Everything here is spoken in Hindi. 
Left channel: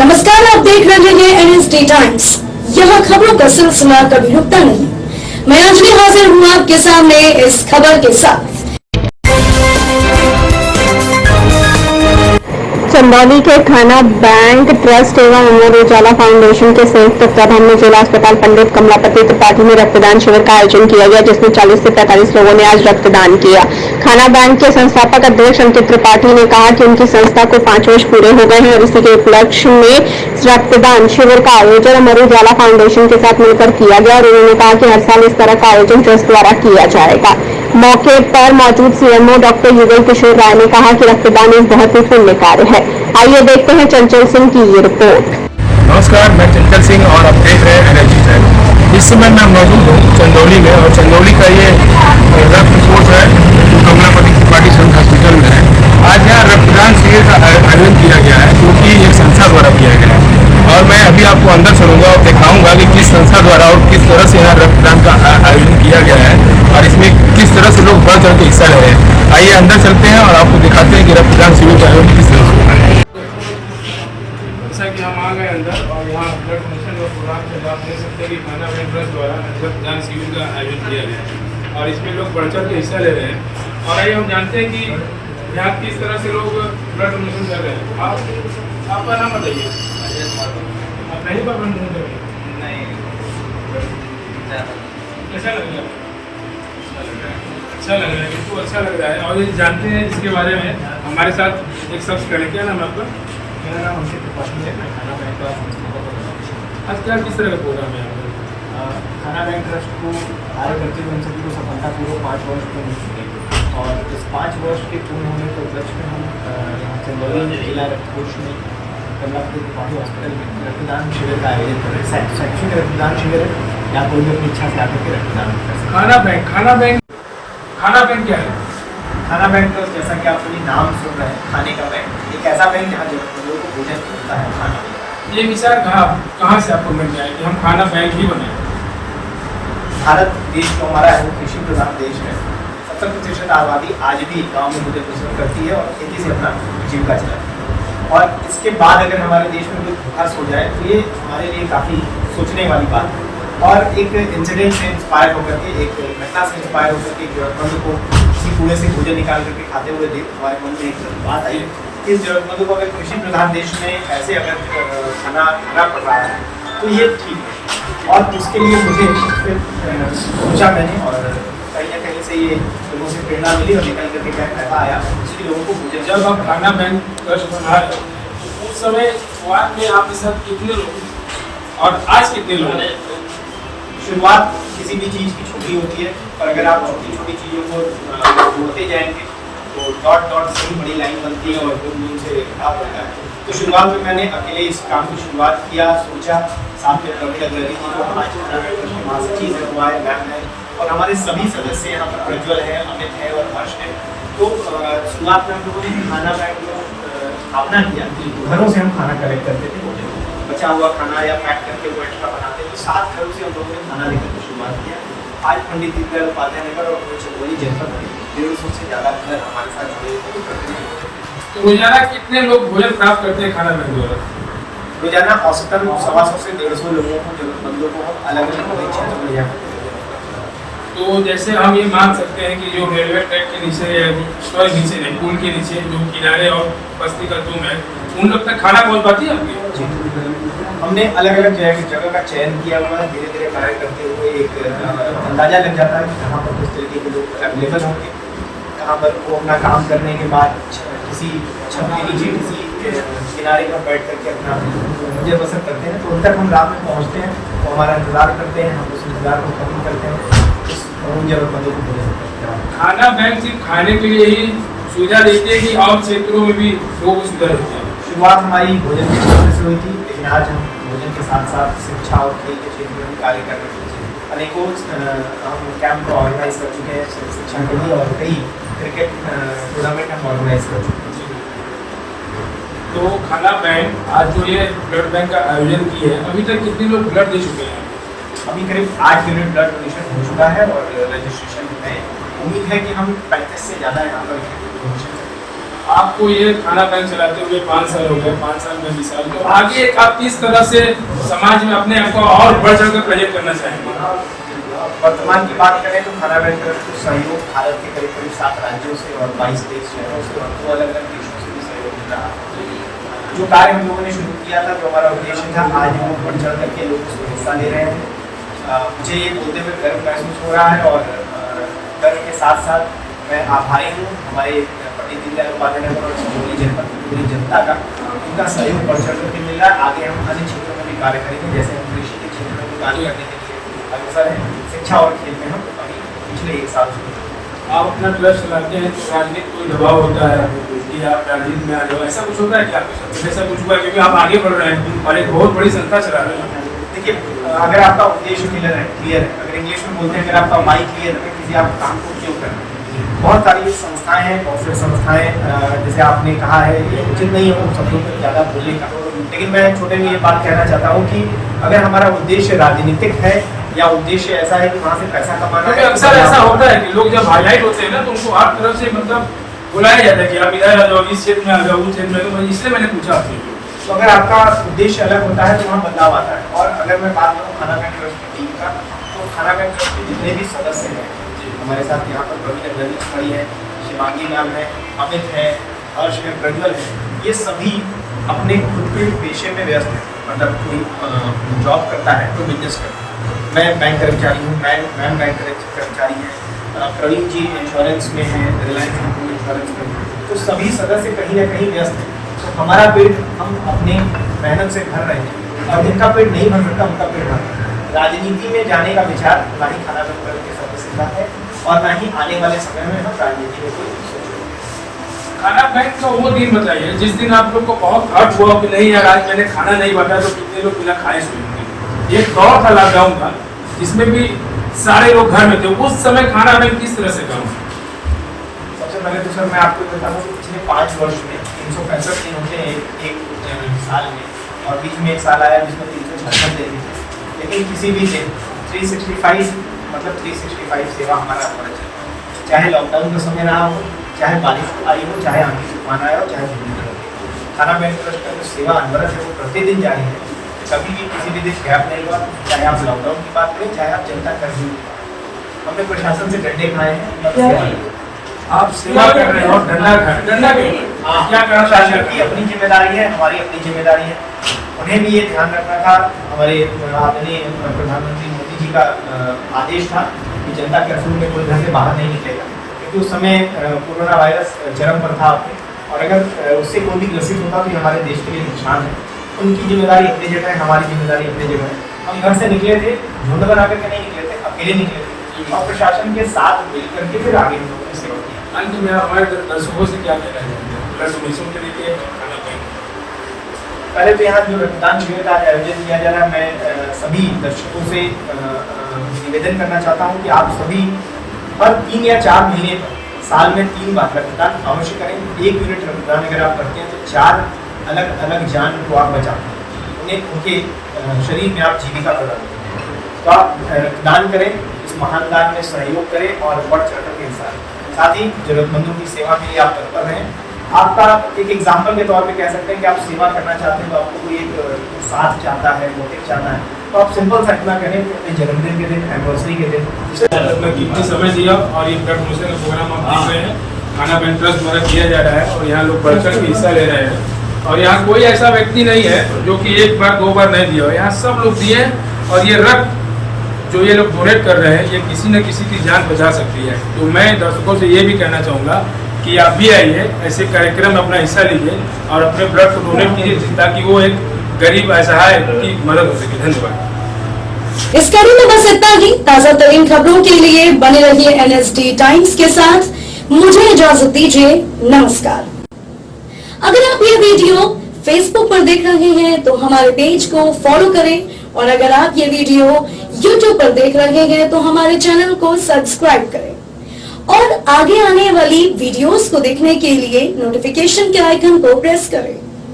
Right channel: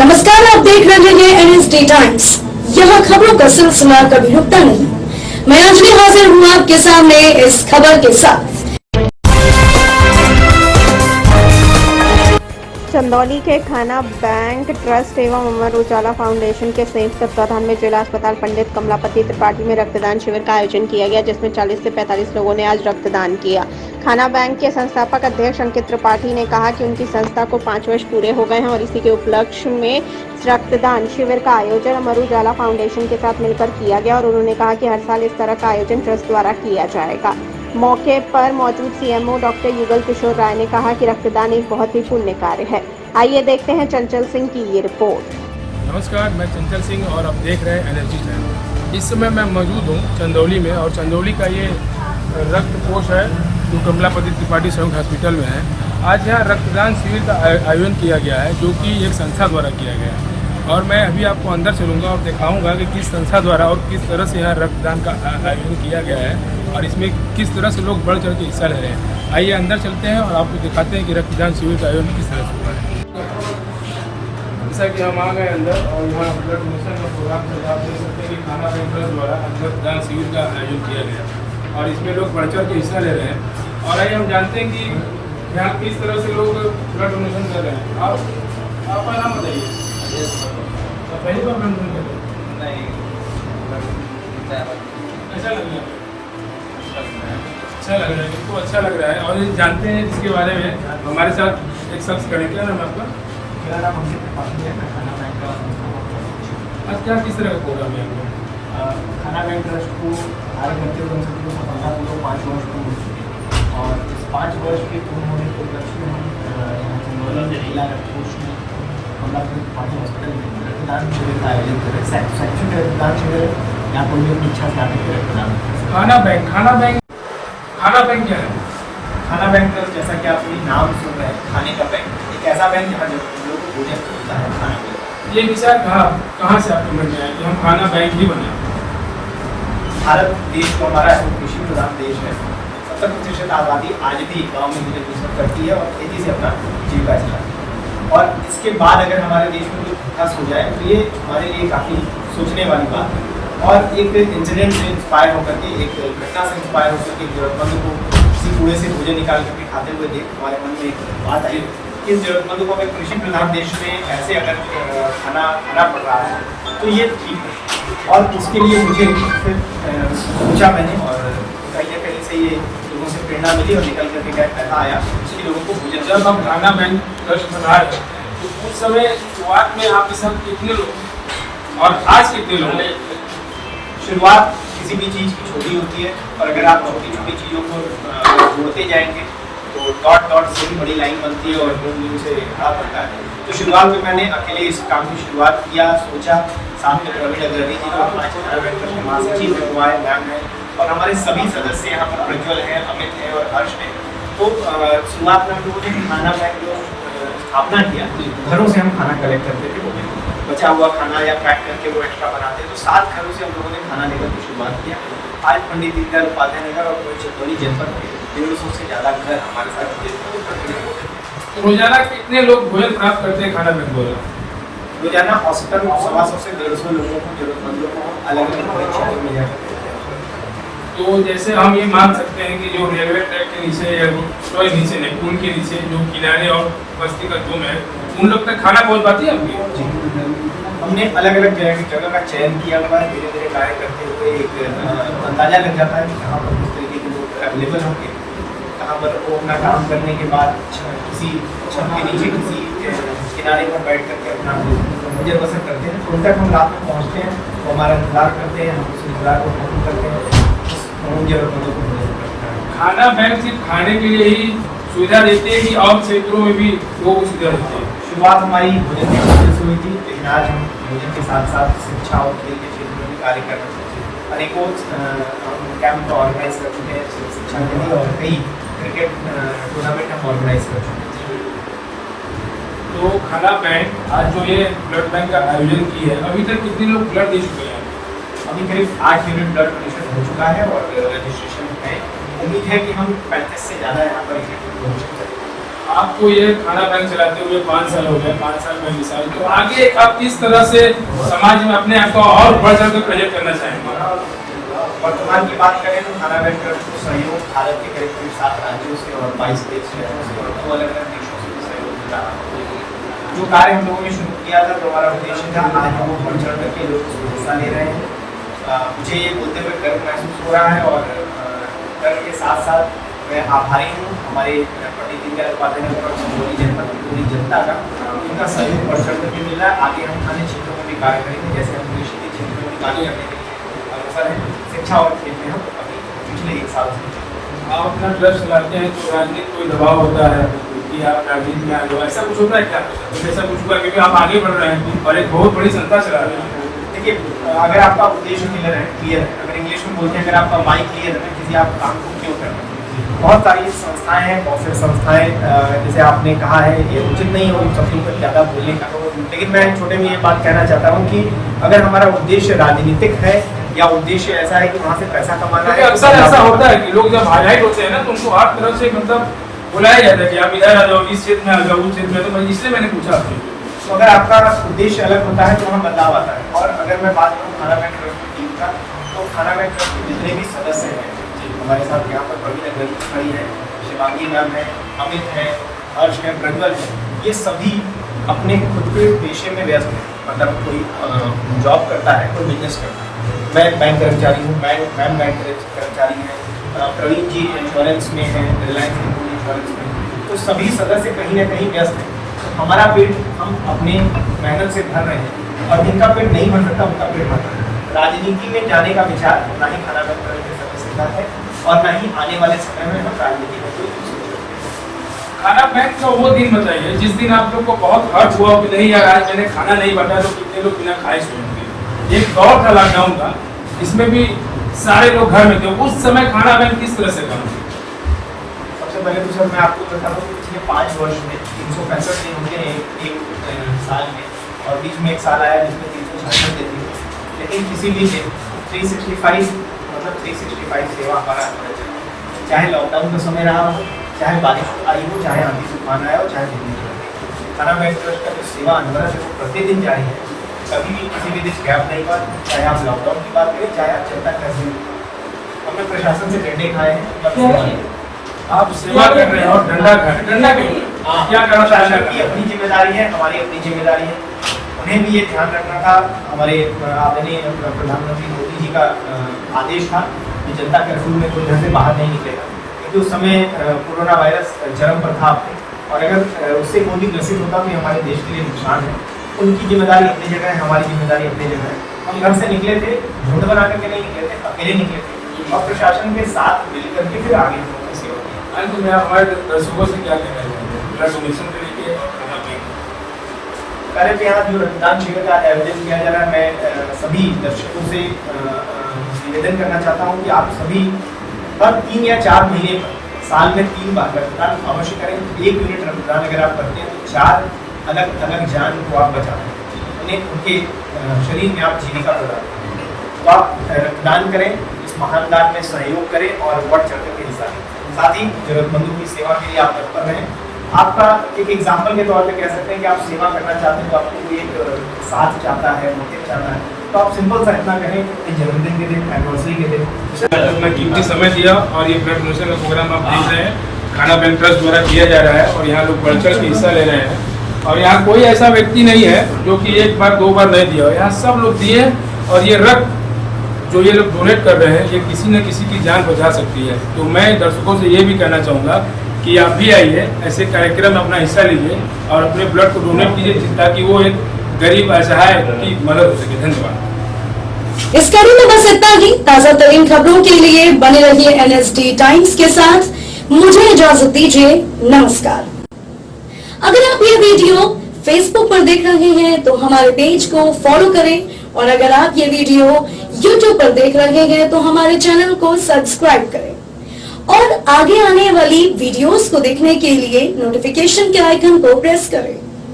नमस्कार, आप देख रहे हैं NSD टाइम्स। यहाँ खबरों का सिलसिला कभी रुकता नहीं। मैं अंजलि हाजिर हूँ आपके सामने इस खबर के साथ। चंदौली के खाना बैंक ट्रस्ट एवं अमर उजाला फाउंडेशन के संयुक्त तत्वाधान में जिला अस्पताल पंडित कमलापति त्रिपाठी में रक्तदान शिविर का आयोजन किया गया, जिसमें 40 से 45 लोगों ने आज रक्तदान किया। खाना बैंक के संस्थापक अध्यक्ष अंकित त्रिपाठी ने कहा कि उनकी संस्था को 5 वर्ष पूरे हो गए हैं और इसी के उपलक्ष्य में रक्तदान शिविर का आयोजन अमर उजाला फाउंडेशन के साथ मिलकर किया गया और उन्होंने कहा कि हर साल इस तरह का आयोजन ट्रस्ट द्वारा किया जाएगा। मौके पर मौजूद CMO डॉक्टर युगल किशोर राय ने कहा कि रक्तदान एक बहुत ही पुण्य कार्य है। आइए देखते हैं चंचल सिंह की ये रिपोर्ट। नमस्कार, मैं चंचल सिंह और आप देख रहे हैं NSD टाइम्स। इस समय मैं मौजूद हूँ चंदौली में और चंदौली का ये रक्त कोष है जो कमलापति त्रिपाठी संघ हॉस्पिटल में है। आज यहाँ रक्तदान शिविर का आयोजन किया गया है जो कि एक संस्था द्वारा किया गया है और मैं अभी आपको अंदर चलूँगा और दिखाऊंगा कि किस संस्था द्वारा और किस तरह से यहाँ रक्तदान का आयोजन किया गया है और इसमें किस तरह से लोग बढ़ चढ़ के हिस्सा ले रहे हैं। आइए अंदर चलते हैं और आपको दिखाते हैं कि रक्तदान शिविर का आयोजन किस तरह से होता है। जैसा कि हम आ गए अंदर और यहाँ ब्लड डोनेशन और प्रोग्राम में आप देख सकते हैं कि खाना बैंक ट्रस्ट द्वारा रक्तदान शिविर का आयोजन किया गया है और इसमें लोग बढ़ चढ़ के हिस्सा ले रहे हैं। और आइए हम जानते हैं कि यहाँ किस तरह से लोग ब्लड डोनेशन कर रहे हैं। आपका नाम बताइए। आप पहली बार ब्लड डोनेशन कर रहे हैं? कैसा लग रहा है? अच्छा लग रहा है, बिल्कुल अच्छा लग रहा है। और ये जानते हैं इसके बारे में हमारे साथ एक शख्स करें। क्या नाम है आपका? मेरा नाम अंकित त्रिपाठी है। मैं खाना बैंक का आज क्या किस तरह का प्रोग्राम है? खाना बैंक ट्रस्ट को हमारे धरती जनशक्ति को सफलतापूर्वक 5 वर्ष पूर्ण हो चुके हैं और इस 5 वर्ष के पूर्ण होने के उपलक्ष्य में हम चंदौली जिला कोष में कमलापति त्रिपाठी हॉस्पिटल में रक्तदान शिविर का आयोजन कर रहे हैं। शैक्षिक रक्तदान शिविर या कोई भी अपनी इच्छा से आने को रक्तदान कर सकते हैं। खाना बैंक क्या है? खाना बैंक ट्रस्ट, जैसा कि आप सभी नाम सुन रहे हैं, खाने का बैंक, एक ऐसा बैंक जहाँ लोग भोजन होता है खाना। ये विचार कहाँ से आपको मिल गया है कि हम खाना बैंक ही बनाए? भारत देश जो हमारा है वो कृषि प्रधान देश है। 70% आबादी आज भी गांव में गुजर बसर करती है और खेती से अपना जीविका चलाती है। और इसके बाद अगर हमारे देश में कोई विकास हो जाए तो ये हमारे लिए काफ़ी सोचने वाली बात है। और एक इंसिडेंट से इंस्पायर होकर के, एक घटना से इंस्पायर होकर के, एक जरूरतमंद को किसी कूड़े से भोजन निकाल करके खाते हुए देख हमारे मन में एक बात आई कि इस जरूरतमंद को अगर कृषि प्रधान देश में ऐसे अगर खाना पड़ रहा है तो ये ठीक है। और उसके लिए मुझे फिर सोचा मैंने और कहीं ना कहीं से ये लोगों से प्रेरणा मिली और निकल करके ऐसा आया कि लोगों को भोजन। जब हम खाना बैंक ट्रस्ट बना रहे तो उस समय शुरुआत में आपके साथ कितने लोग और आज कितने लोग? शुरुआत किसी भी चीज़ की छोटी होती है और अगर आप छोटी छोटी चीज़ों को जोड़ते जाएंगे तो डॉट डॉट से ही बड़ी लाइन बनती है और दूर से खड़ा पड़ता है। तो शुरुआत में मैंने अकेले इस काम की शुरुआत किया, सोचा। साथ में प्रवीण अग्रवाल जी जो आज के महासचिव है वो आए, मैम है और हमारे सभी सदस्य यहाँ पर प्रज्वल है, अमित है और हर्ष है। तो शुरुआत में हम लोगों ने खाना बैंक स्थापना किया। घरों से हम खाना कलेक्ट करते थे, बचा हुआ खाना या पैक करके वो एक्स्ट्रा बनाते तो 7 घरों से हम लोगों ने खाना लेकर के शुरुआत किया। आज पंडित दीनदयाल उपाध्याय नगर और चंदौली जनपद में 150 से ज़्यादा घर हमारे साथ जुड़े हुए हैं। रोजाना कितने लोग भोजन प्राप्त करते हैं खाना बैंक द्वारा? रोजाना औसतन 125 से 150 लोगों को, जरूरतमंदों को हम अलग अलग क्षेत्रों में जाकर। तो जैसे हम ये मान सकते हैं कि जो रेलवे ट्रैक के नीचे नीचे नहीं, पुल के नीचे जो किनारे और बस्ती का तुम है, उन लोग तक खाना पहुँच पाती है आपकी? हमने अलग अलग जगह का चयन किया हुआ है। धीरे धीरे कार्य करते हुए एक अंदाजा लग जाता है कि कहाँ पर किस तरीके के लोग अवेलेबल होंगे, कहाँ पर वो अपना काम करने के बाद किसी छत के नीचे किसी किनारे पर बैठ करके अपना गुजर बसर करते हैं। उन तक हम रात में पहुँचते हैं, वो हमारा इंतज़ार करते हैं, हम उस इंतज़ार को खत्म करते हैं, उन जरूरतमंदों को भोजन करते हैं। खाना बैंक सिर्फ खाने के लिए ही सुविधा देते हैं कि और क्षेत्रों में भी लोगों को सुविधा देते हैं? शुरुआत हमारी भोजन के क्षेत्र से हुई थी, लेकिन आज हम भोजन के साथ साथ शिक्षा और खेल के क्षेत्र में कार्य कर रहे हैं। अनेकों हम कैंप ऑर्गेनाइज कर चुके हैं शिक्षा के लिए और कई क्रिकेट टूर्नामेंट हम ऑर्गेनाइज कर चुके हैं। तो खाना बैंक आज जो ये ब्लड बैंक का आयोजन किया है, अभी तक कितने लोग ब्लड दे चुके हैं? अभी करीब 8 यूनिट ब्लड डोनेशन हो चुका है और रजिस्ट्रेशन है। उम्मीद है कि हम 35 से ज़्यादा यहाँ पर पहुँच सकते हैं। आपको ये खाना बैंक चलाते हुए 5 साल हो गया, 5 साल में 20 साल, तो आगे आप किस तरह से समाज में अपने आप को और बढ़ चढ़ कर प्रोजेक्ट करना चाहेंगे? वर्तमान की बात करें तो खाना बैंक सहयोग भारत के करीब 7 राज्यों से और 22 देश शहरों से और 2 अलग अलग देशों से भी सहयोग मिल रहा है। जो कार्य हम लोगों ने शुरू किया था, जो हमारा उद्देश्य था, आज हम बढ़ चढ़ कर के लोग उसमें हिस्सा ले रहे हैं। मुझे ये बोलते हुए गर्व महसूस हो रहा है और गर्व के साथ साथ मैं आभारी हूँ हमारे पंडित दीनदयाल उपाध्याय नगर और चंदौली जनपद की पूरी जनता का, उनका सहयोग बढ़ चढ़ करके मिल रहा है। आगे हम अन्य क्षेत्रों में भी कार्य करेंगे, जैसे हम कृषि के क्षेत्र में भी कार्य करने के लिए अग्रसर है। शिक्षा और खेल में हम अभी पिछले 1 साल से आप अपना क्लब चलाते हैं तो राजनीतिक कोई दबाव होता है कि आप राजनीति में आ जाओ, ऐसा कुछ होता है क्या? ऐसा कुछ हुआ क्योंकि आप आगे बढ़ रहे हैं और एक बहुत बड़ी संस्था चला रहे हैं। देखिए, अगर आपका उद्देश्य क्लियर है, अगर इंग्लिश में बोलते हैं अगर आपका माइंड क्लियर है, किसी आप काम को क्यों करना है। बहुत सारी संस्थाएं हैं, बहुत सारी संस्थाएं, जैसे आपने कहा है, ये उचित नहीं है उन शब्दों पर ज़्यादा बोलने का, लेकिन मैं छोटे में ये बात कहना चाहता हूँ कि अगर हमारा उद्देश्य राजनीतिक है या उद्देश्य ऐसा है कि वहाँ से पैसा कमाना है, अक्सर ऐसा होता है कि लोग जब हाईलाइट होते हैं ना तो उनको हर तरफ से मतलब बुलाया जाता है कि आप इधर आ जाओ, इस क्षेत्र में आ जाओ, उस क्षेत्र में, तो इसलिए मैंने पूछा आपसे। तो अगर आपका उद्देश्य अलग होता है तो वहाँ बदलाव आता है। और अगर मैं बात करूँ खाना बैंक ट्रस्ट की टीम का, तो खाना बैंक ट्रस्ट के जितने भी सदस्य हैं हमारे साथ, यहाँ पर प्रवीण अग्रवाल खड़ी है, शिवांगी मैम है, अमित है, हर्ष है, प्रज्वल है, ये सभी अपने खुद के पेशे में व्यस्त हैं। मतलब कोई जॉब करता है तो बिजनेस करता है। मैं बैंक कर्मचारी हूँ, मैम बैंक कर्मचारी हैं, प्रवीण जी इंश्योरेंस में हैं, रिलायंस इंश्योरेंस में, तो सभी सदस्य कहीं ना कहीं व्यस्त हैं। तो हमारा पेट हम अपने मेहनत से भर रहे हैं और जिनका पेट नहीं भर सकता उनका पेट भर रहे हैं। राजनीति में जाने का विचार ना ही खाना बैंक के सदस्य का है और ना ही आने वाले समय में हम राजनीति में कोई सोच रहे हैं। खाना बैंक का वो दिन बताइए जिस दिन आप लोग को बहुत हर्ट हुआ कि नहीं यार आज मैंने खाना नहीं बांटा तो कितने लोग बिना खाए सोएंगे। एक दौर था लॉकडाउन का, इसमें भी सारे लोग घर में थे, उस समय खाना बैंक किस तरह से काम? सबसे पहले तो सर मैं आपको बता दूं कि पिछले 5 वर्ष में 365 दिन होते हैं एक साल में, और बीच में एक साल आया जिसमें 366 दिन थे, लेकिन किसी भी दिन 365 मतलब 365 सेवा हमारा अंदर चला, चाहे लॉकडाउन का समय रहा हो, चाहे बारिश आई हो, चाहे आंधी तूफान आया हो, चाहे बिजली हो गई। खाना बैंक ट्रस्ट का जो सेवा अनवरत है वो प्रतिदिन जारी है, कभी भी किसी भी दिन गैप नहीं हुआ। चाहे आप लॉकडाउन की बात करें, चाहे आप जनता कर्फ्यू की बात करें, हमने प्रशासन से डंडे खाए हैं। आप सेवा कर रहे हैं और डंडा खाए, डंडा क्यों? क्या करना? प्रशासन की अपनी जिम्मेदारी है, हमारी अपनी जिम्मेदारी है। उन्हें भी ये ध्यान रखना था, हमारे आदरणीय प्रधानमंत्री मोदी जी का आदेश था कि जनता कर्फ्यू में कोई घर से बाहर नहीं निकलेगा, क्योंकि उस समय कोरोना वायरस चरम पर था अपने, और अगर उससे कोई भी ग्रसित होता तो ये हमारे देश के लिए नुकसान है। उनकी जिम्मेदारी अपनी जगह है, हमारी जिम्मेदारी अपनी जगह है। हम घर से निकले थे, झुंड बना करके नहीं निकले थे, अकेले निकले थे और प्रशासन के साथ मिल करके फिर आगे सेवा की। अंत में हमारे दर्शकों से क्या कहना चाहेंगे ब्लड डोनेशन के लिए? पहले तो यहाँ जो रक्तदान शिविर का आयोजन किया जा रहा है, मैं सभी दर्शकों से निवेदन करना चाहता हूँ कि आप सभी हर 3 या 4 महीने पर साल में 3 बार रक्तदान अवश्य करें। 1 यूनिट रक्तदान अगर आप करते हैं तो 4 अलग अलग जान को आप बचाते हैं, उन्हें उनके शरीर में आप जीविका प्रदान करें। तो आप रक्तदान करें, इस महान दान में सहयोग करें और बढ़ चढ़ कर के हिस्सा लें। साथ ही जरूरतमंदों की सेवा के लिए आप तत्पर रहें। आपका एक एग्जाम्पल के तौर पे कह सकते हैं कि आप सेवा करना चाहते हैं, तो आपको कोई एक साथ चाहता है, मोटिव चाहता है, तो आप सिंपल सा इतना करें कि अपने जन्मदिन के दिन, एनिवर्सरी के दिन अपना कीमती समय दिया और ये ब्लड डोनेशन का प्रोग्राम आप देख रहे हैं खाना बैंक ट्रस्ट द्वारा किया जा रहा है और यहाँ लोग बढ़ चढ़ के हिस्सा ले रहे हैं। और यहाँ कोई ऐसा व्यक्ति नहीं है जो कि 1 बार 2 बार नहीं दिया, यहाँ सब लोग दिए। और ये रक्त जो ये लोग डोनेट कर रहे हैं ये किसी न किसी की जान बचा सकती है। तो मैं दर्शकों से ये भी कहना चाहूँगा कि आप भी आइए, ऐसे कार्यक्रम में अपना हिस्सा लीजिए और अपने ब्लड को डोनेट कीजिए ताकि वो एक गरीब असहाय की मदद हो सके। धन्यवाद। इस कड़ी में बस इतना ही। ताजा तरीन खबरों के लिए बने रहिए NSD टाइम्स के साथ। मुझे इजाजत दीजिए, नमस्कार। अगर आप ये वीडियो फेसबुक पर देख रहे हैं तो हमारे पेज को फॉलो करें, और अगर आप ये वीडियो यूट्यूब पर देख रहे हैं तो हमारे चैनल को सब्सक्राइब करें और आगे आने वाली वीडियोस को देखने के लिए नोटिफिकेशन के आइकन को प्रेस करें।